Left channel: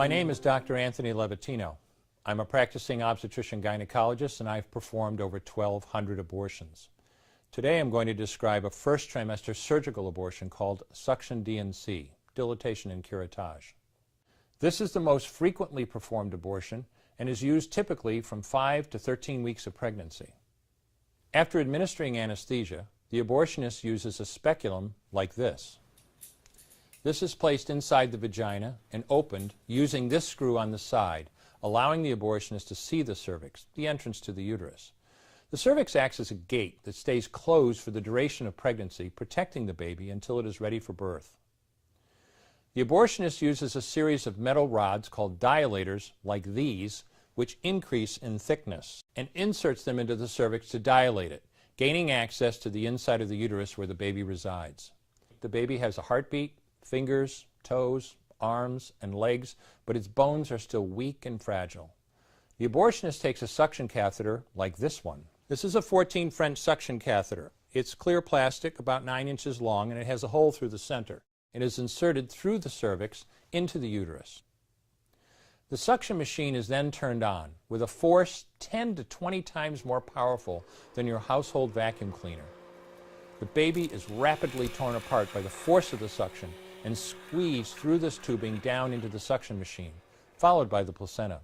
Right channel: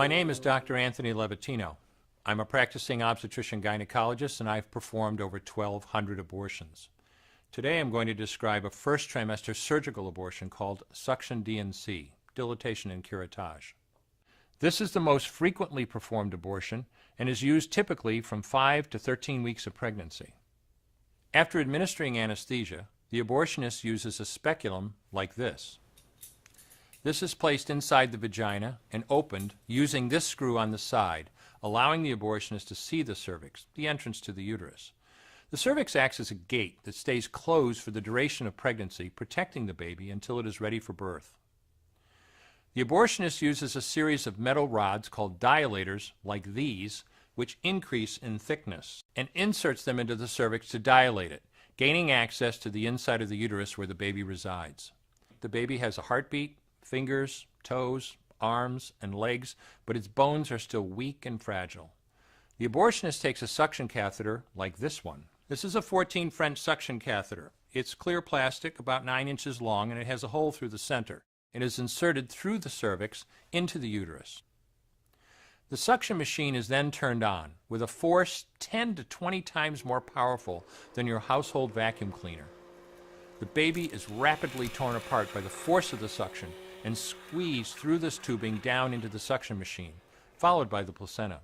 My name is Dr. Anthony Levatino. I'm a practicing obstetrician-gynecologist, and I've performed over 1,200 abortions. Today I'm going to describe a first trimester surgical abortion called suction D&C, dilatation and curettage. This is the most frequently performed abortion and is used typically from 5 to 13 weeks of pregnancy. After administering anesthesia, the abortionist uses a speculum like this. This is placed inside the vagina and opened using this screw on the side, allowing the abortionist to see the cervix, the entrance to the uterus. The cervix acts as a gate that stays closed for the duration of pregnancy, protecting the baby until it is ready for birth. The abortionist uses a series of metal rods called dilators, like these, which increase in thickness, and inserts them into the cervix to dilate it, gaining access to the inside of the uterus where the baby resides. The baby has a heartbeat, fingers, toes, arms, and legs, but its bones are still weak and fragile. The abortionist takes a suction catheter like this one. This is a 14 French suction catheter. It's clear plastic, about 9 inches long, and it has a hole through the center. It is inserted through the cervix into the uterus. The suction machine is then turned on with a force 10 to 20 times more powerful than your household vacuum cleaner. The baby is rapidly torn apart by the force of the suction and squeezed through this tubing down into the suction machine, followed by the placenta.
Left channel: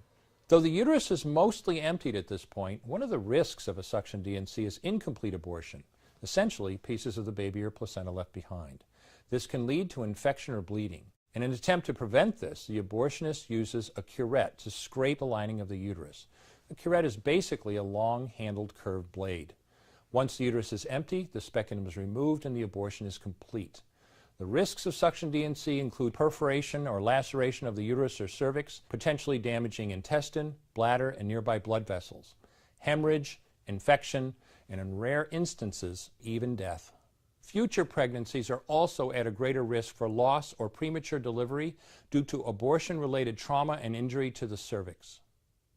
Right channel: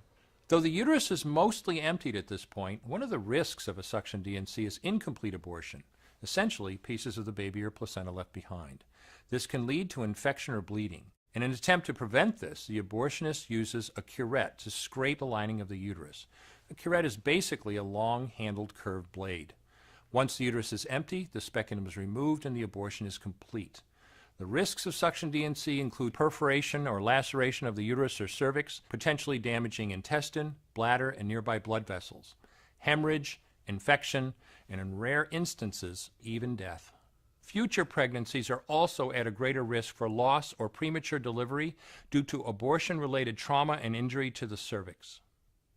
Though the uterus is mostly emptied at this point, one of the risks of a suction D&C is incomplete abortion, essentially pieces of the baby or placenta left behind. This can lead to infection or bleeding. In an attempt to prevent this, the abortionist uses a curette to scrape a lining of the uterus. The curette is basically a long-handled curved blade. Once the uterus is empty, the speculum is removed and the abortion is complete. The risks of suction D&C include perforation or laceration of the uterus or cervix, potentially damaging intestine, bladder, and nearby blood vessels, hemorrhage, infection, and in rare instances, even death. Future pregnancies are also at a greater risk for loss or premature delivery due to abortion-related trauma and injury to the cervix.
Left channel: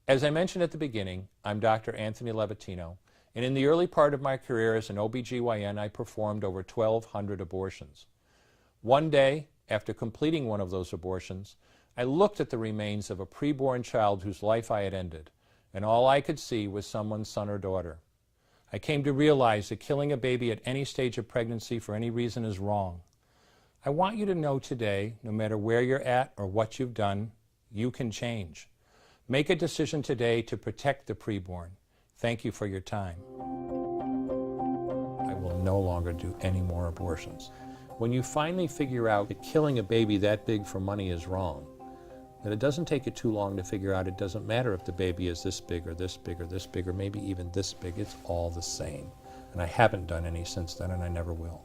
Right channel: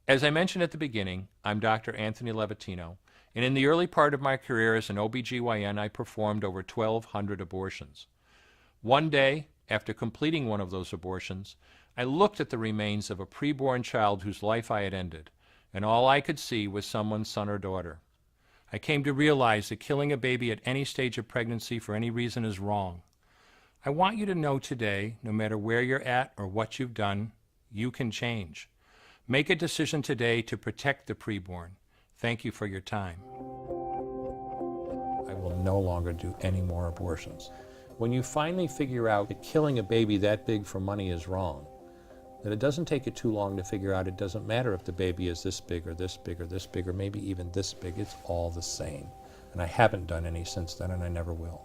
As I mentioned at the beginning, I'm Dr. Anthony Levatino, and in the early part of my career as an OBGYN, I performed over 1,200 abortions. One day, after completing one of those abortions, I looked at the remains of a preborn child whose life I had ended, and all I could see was someone's son or daughter. I came to realize that killing a baby at any stage of pregnancy for any reason is wrong. I want you to know today, no matter where you're at or what you've done, you can change. Make a decision today to protect the preborn. Thank you for your time. I will no longer do any more abortions. When you finally figure out that killing a baby that big for money is wrong, that it doesn't take you too long to figure out it doesn't matter if the baby is this big or this big or this big or maybe even this big, it's all the same. And I haven't done any since then, and I never will.